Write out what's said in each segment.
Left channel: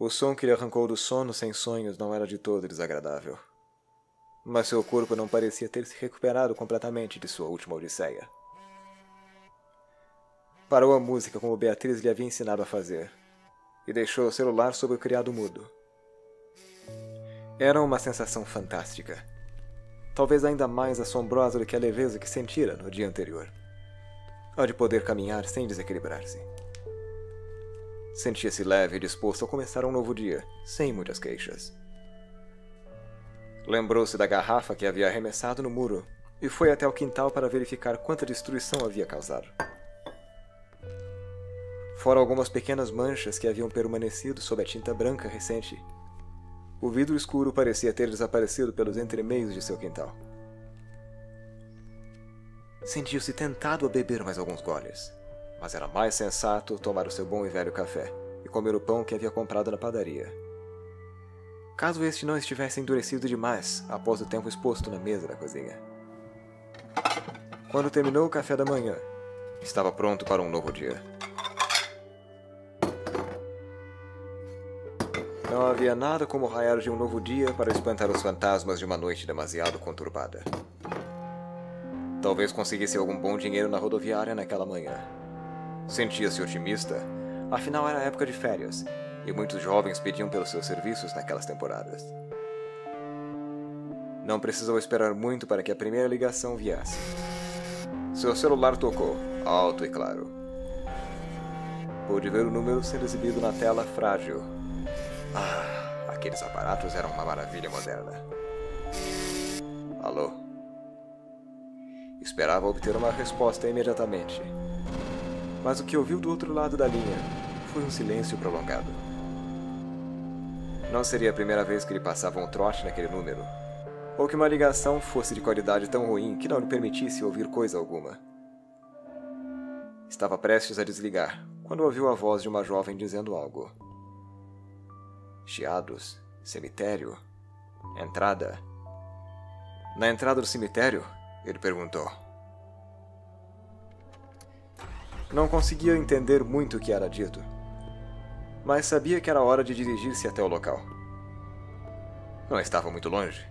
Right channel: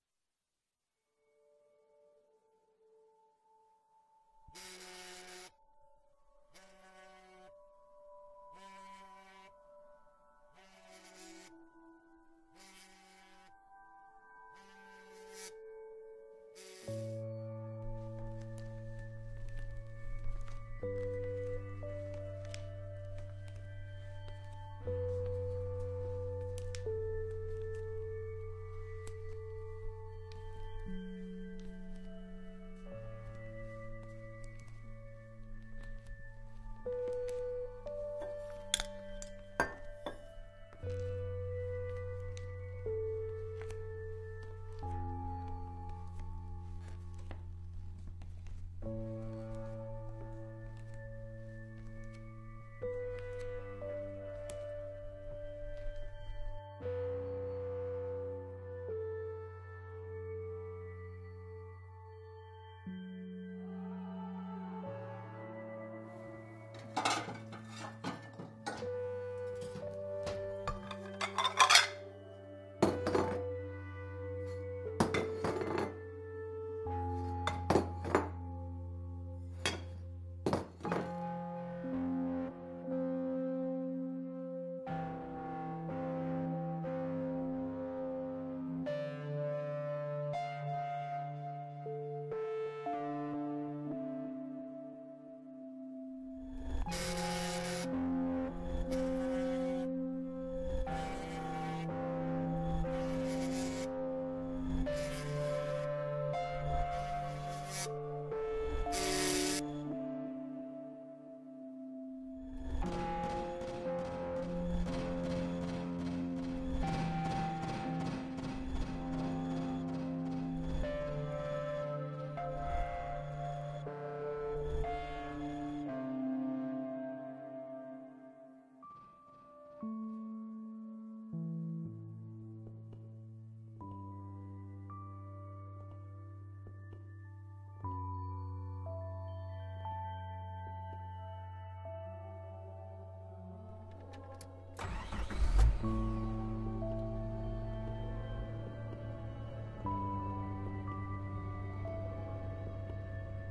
O som que lhe arrancou do sono sem sonhos não era de todo desagradável. Mas seu corpo não parecia ter se recuperado completamente de sua última odisseia. Parou a música como Beatriz lhe havia ensinado a fazer, e deixou o celular sob o criado mudo. Era uma sensação fantástica, talvez ainda mais assombrosa do que a leveza que sentira no dia anterior, a de poder caminhar sem desequilibrar-se. Sentia-se leve e disposto a começar um novo dia, sem muitas queixas. Lembrou-se da garrafa que havia arremessado no muro e foi até o quintal para verificar quanta destruição havia causado. Fora algumas pequenas manchas que haviam permanecido sob a tinta branca recente, o vidro escuro parecia ter desaparecido pelos entremeios de seu quintal. Sentiu-se tentado a beber mais alguns goles, mas era mais sensato tomar o seu bom e velho café e comer o pão que havia comprado na padaria. Caso este não estivesse endurecido demais após o tempo exposto na mesa da cozinha. Quando terminou o café da manhã, estava pronto para um novo dia. Não havia nada como o raiar de um novo dia para espantar os fantasmas de uma noite demasiado conturbada. Talvez conseguisse algum bom dinheiro na rodoviária naquela manhã. Sentia-se otimista, afinal era época de férias, e muitos jovens pediam pelos seus serviços naquelas temporadas. Não precisou esperar muito para que a primeira ligação viesse. Seu celular tocou, alto e claro. Pôde ver o número sendo exibido na tela frágil. Aqueles aparatos eram uma maravilha moderna. Alô? Esperava obter uma resposta imediatamente. Mas o que ouviu do outro lado da linha foi um silêncio prolongado. Não seria a primeira vez que lhe passava um trote naquele número, ou que uma ligação fosse de qualidade tão ruim que não lhe permitisse ouvir coisa alguma. Estava prestes a desligar, quando ouviu a voz de uma jovem dizendo algo. Chiados, cemitério, entrada. Na entrada do cemitério? Ele perguntou. Não conseguia entender muito o que era dito, mas sabia que era hora de dirigir-se até o local. Não estava muito longe,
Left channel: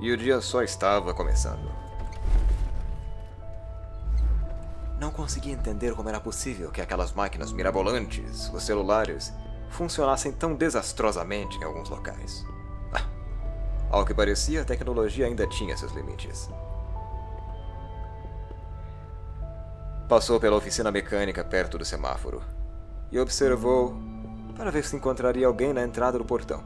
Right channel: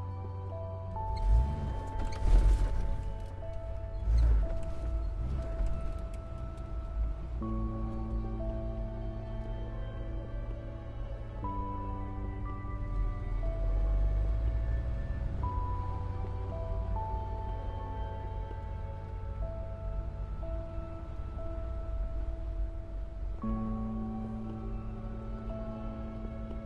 e o dia só estava começando. Não conseguia entender como era possível que aquelas máquinas mirabolantes, os celulares, funcionassem tão desastrosamente em alguns locais. Ao que parecia, a tecnologia ainda tinha seus limites. Passou pela oficina mecânica perto do semáforo e observou para ver se encontraria alguém na entrada do portão.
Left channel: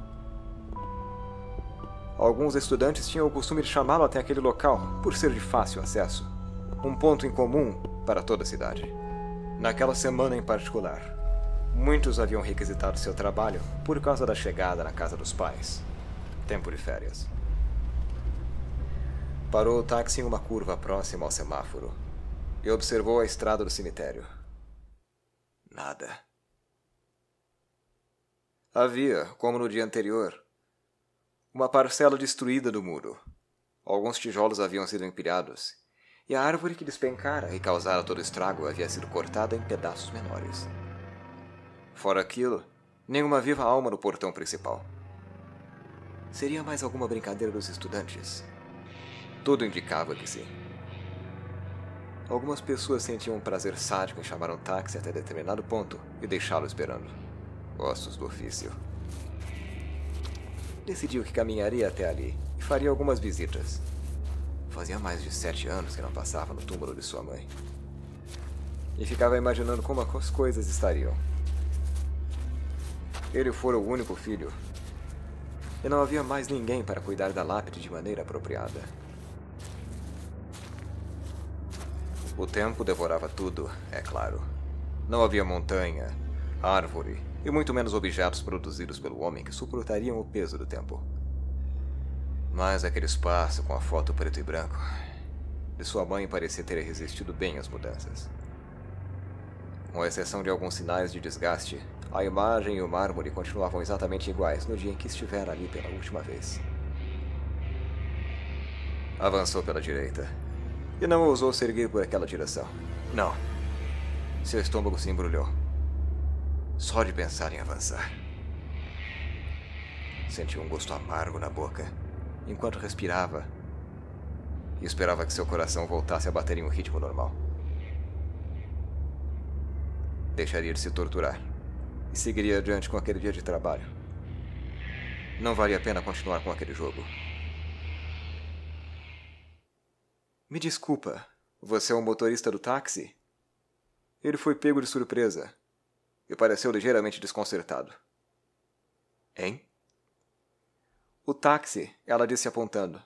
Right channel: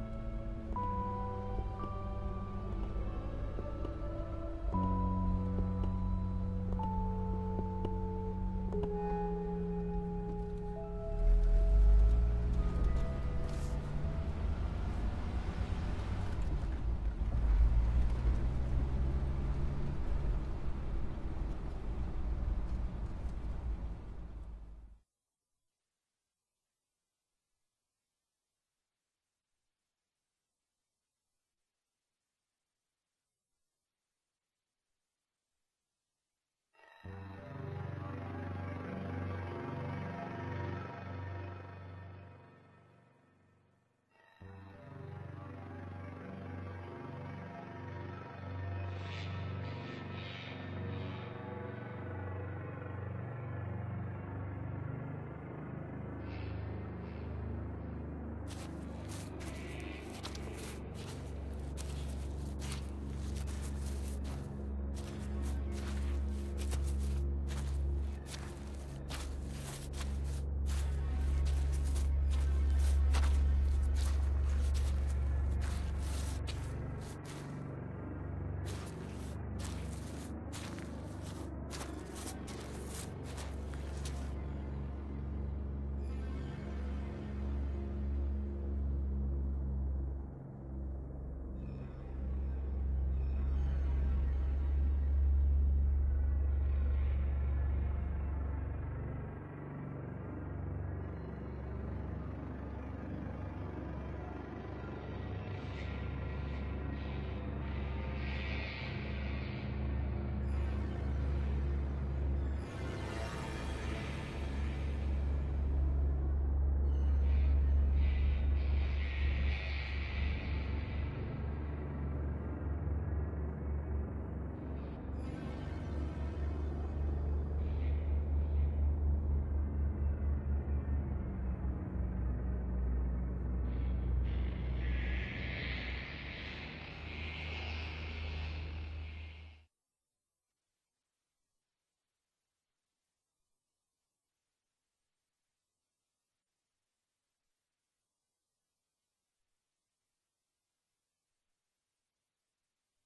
Alguns estudantes tinham o costume de chamá-lo até aquele local por ser de fácil acesso, um ponto em comum para toda a cidade. Naquela semana em particular, muitos haviam requisitado seu trabalho por causa da chegada na casa dos pais. Tempo de férias. Parou o táxi em uma curva próxima ao semáforo e observou a estrada do cemitério. Nada. Havia, como no dia anterior, uma parcela destruída do muro. Alguns tijolos haviam sido empilhados, e a árvore que despencara e causara todo o estrago havia sido cortada em pedaços menores. Fora aquilo, nenhuma viva alma no portão principal. Seria mais alguma brincadeira dos estudantes? Tudo indicava que sim. Algumas pessoas sentiam um prazer sádico em chamar um táxi até determinado ponto e deixá-lo esperando. Ossos do ofício. Decidiu que caminharia até ali e faria algumas visitas. Fazia mais de 7 anos que não passava no túmulo de sua mãe. E ficava imaginando como as coisas estariam. Ele fora o único filho, e não havia mais ninguém para cuidar da lápide de maneira apropriada. O tempo devorava tudo, é claro. Não havia montanha, árvore e muito menos objetos produzidos pelo homem que suportariam o peso do tempo. Mas aquele espaço com a foto preto e branco de sua mãe parecia ter resistido bem às mudanças. Com exceção de alguns sinais de desgaste, a imagem e o mármore continuavam exatamente iguais no dia em que estivera ali pela última vez. Avançou pela direita e não ousou se erguer por aquela direção. Não. Seu estômago se embrulhou. Só de pensar em avançar. Senti um gosto amargo na boca, enquanto respirava, e esperava que seu coração voltasse a bater em um ritmo normal. Deixaria de se torturar, e seguiria adiante com aquele dia de trabalho. Não valia a pena continuar com aquele jogo. Me desculpa, você é o motorista do táxi? Ele foi pego de surpresa e pareceu ligeiramente desconcertado. Hein? O táxi, ela disse apontando.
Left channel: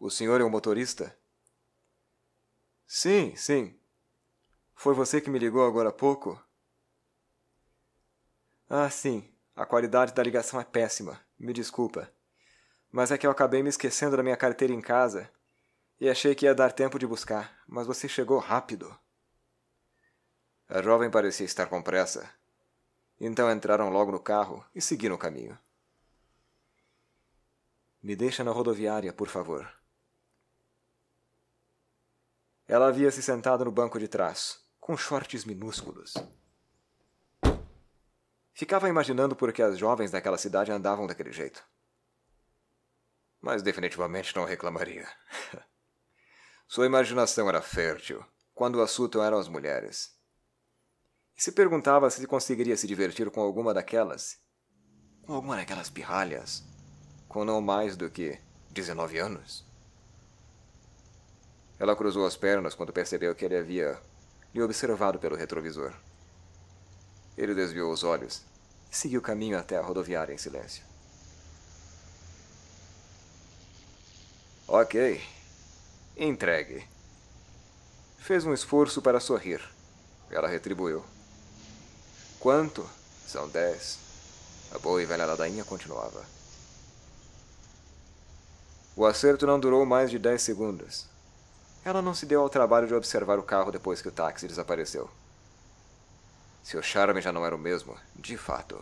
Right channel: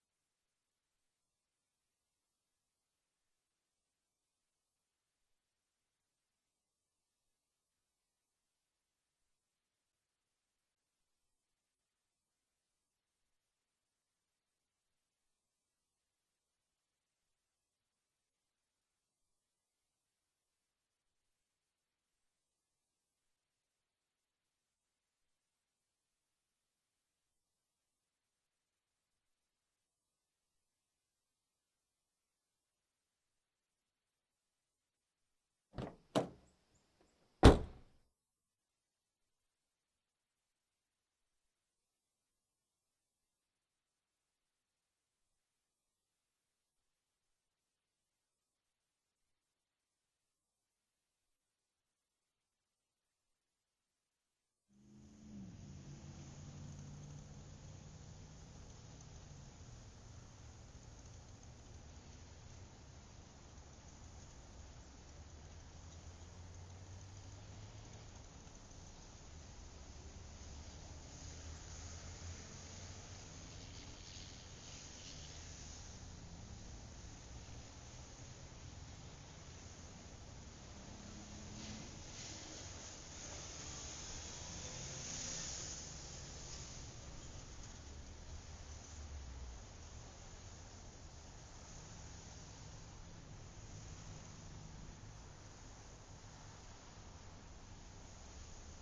O senhor é o motorista? Sim, sim. Foi você que me ligou agora há pouco? Ah, sim. A qualidade da ligação é péssima. Me desculpa. Mas é que eu acabei me esquecendo da minha carteira em casa e achei que ia dar tempo de buscar, mas você chegou rápido. A jovem parecia estar com pressa. Então entraram logo no carro e seguiram o caminho. Me deixa na rodoviária, por favor. Ela havia se sentado no banco de trás, com shorts minúsculos. Ficava imaginando por que as jovens daquela cidade andavam daquele jeito. Mas definitivamente não reclamaria. Sua imaginação era fértil, quando o assunto eram as mulheres. E se perguntava se conseguiria se divertir com alguma daquelas pirralhas, com não mais do que 19 anos. Ela cruzou as pernas quando percebeu que ele havia lhe observado pelo retrovisor. Ele desviou os olhos e seguiu o caminho até a rodoviária em silêncio. Ok. Entregue. Fez um esforço para sorrir. Ela retribuiu. Quanto? São 10. A boa e velha ladainha continuava. O acerto não durou mais de 10 segundos. Ela não se deu ao trabalho de observar o carro depois que o táxi desapareceu. Seu charme já não era o mesmo, de fato.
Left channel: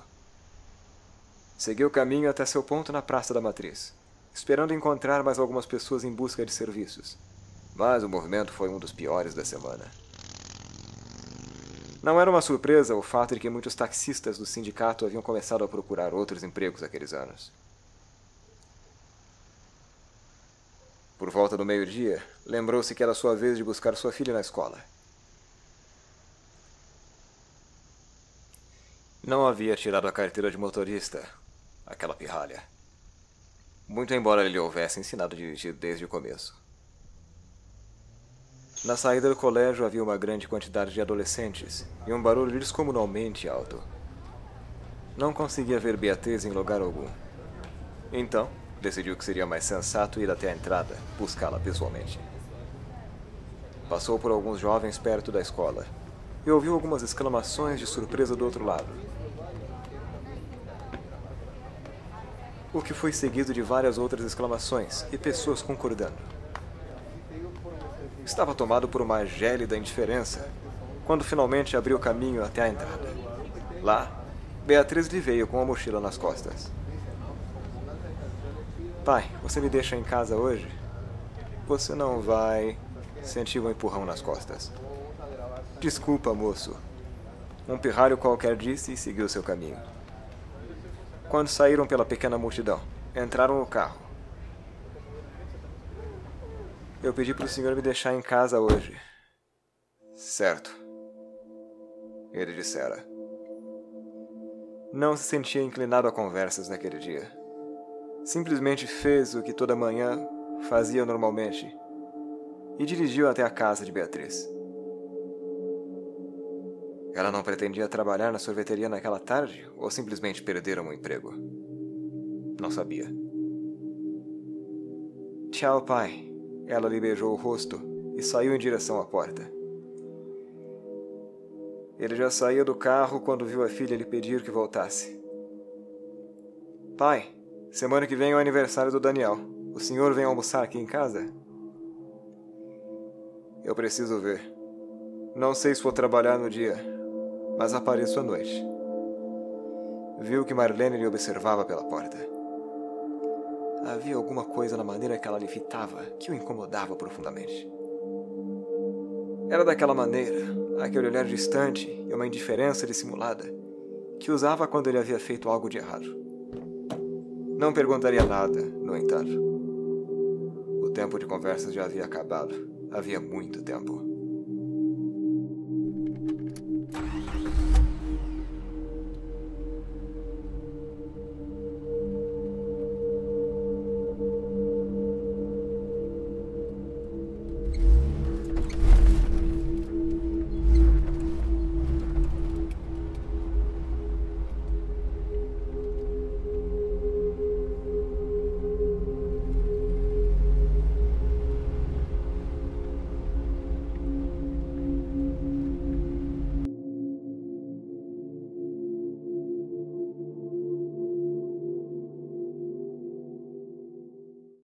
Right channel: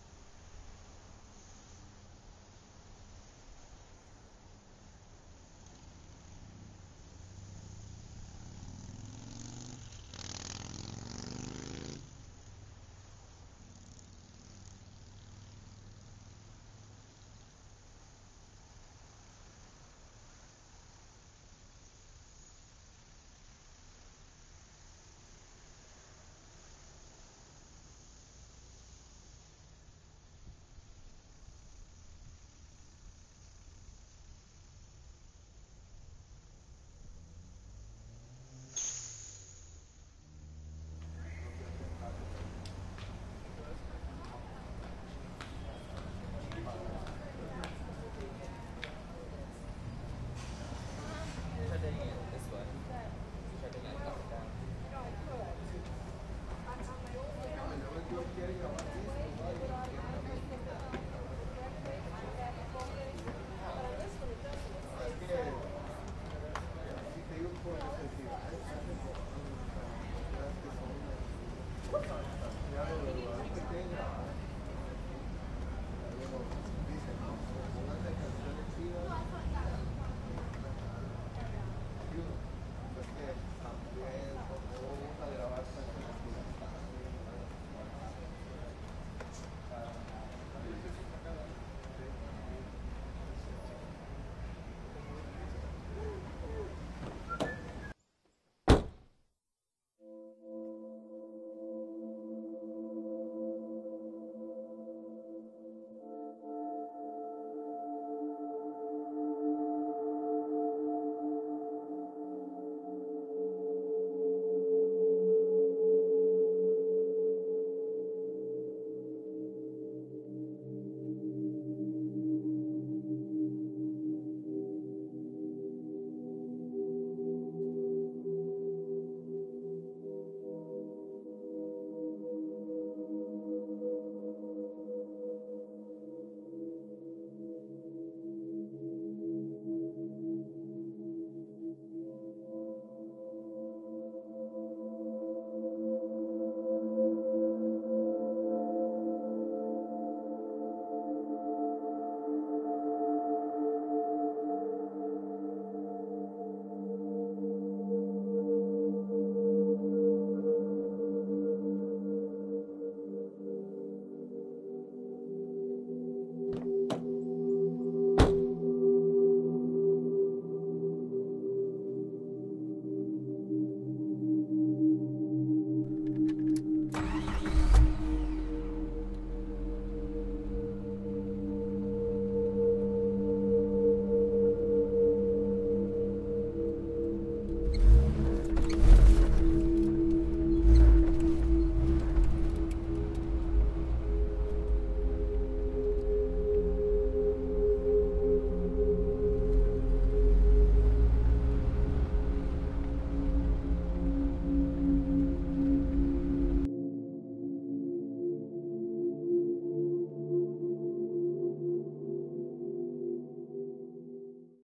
Seguiu o caminho até seu ponto na Praça da Matriz, esperando encontrar mais algumas pessoas em busca de serviços. Mas o movimento foi um dos piores da semana. Não era uma surpresa o fato de que muitos taxistas do sindicato haviam começado a procurar outros empregos naqueles anos. Por volta do meio-dia, lembrou-se que era sua vez de buscar sua filha na escola. Não havia tirado a carteira de motorista, aquela pirralha. Muito embora ele lhe houvesse ensinado a dirigir desde o começo. Na saída do colégio havia uma grande quantidade de adolescentes e um barulho descomunalmente alto. Não conseguia ver Beatriz em lugar algum. Então, decidiu que seria mais sensato ir até a entrada, buscá-la pessoalmente. Passou por alguns jovens perto da escola e ouviu algumas exclamações de surpresa do outro lado. O que foi seguido de várias outras exclamações e pessoas concordando. Estava tomado por uma gélida indiferença quando finalmente abriu caminho até a entrada. Lá, Beatriz lhe veio com a mochila nas costas. Pai, você me deixa em casa hoje? Você não vai... Sentiu um empurrão nas costas. Desculpa, moço. Um pirralho qualquer disse e seguiu seu caminho. Quando saíram pela pequena multidão, entraram no carro. Eu pedi para o senhor me deixar em casa hoje. Certo. Ele dissera. Não se sentia inclinado a conversas naquele dia. Simplesmente fez o que toda manhã fazia normalmente e dirigiu até a casa de Beatriz. Ela não pretendia trabalhar na sorveteria naquela tarde ou simplesmente perderam o emprego? Não sabia. Tchau, pai. Ela lhe beijou o rosto e saiu em direção à porta. Ele já saía do carro quando viu a filha lhe pedir que voltasse. Pai, semana que vem é o aniversário do Daniel. O senhor vem almoçar aqui em casa? Eu preciso ver. Não sei se vou trabalhar no dia, mas apareço à noite. Viu que Marlene lhe observava pela porta. Havia alguma coisa na maneira que ela lhe fitava que o incomodava profundamente. Era daquela maneira, aquele olhar distante e uma indiferença dissimulada que usava quando ele havia feito algo de errado. Não perguntaria nada, no entanto. O tempo de conversa já havia acabado. Havia muito tempo.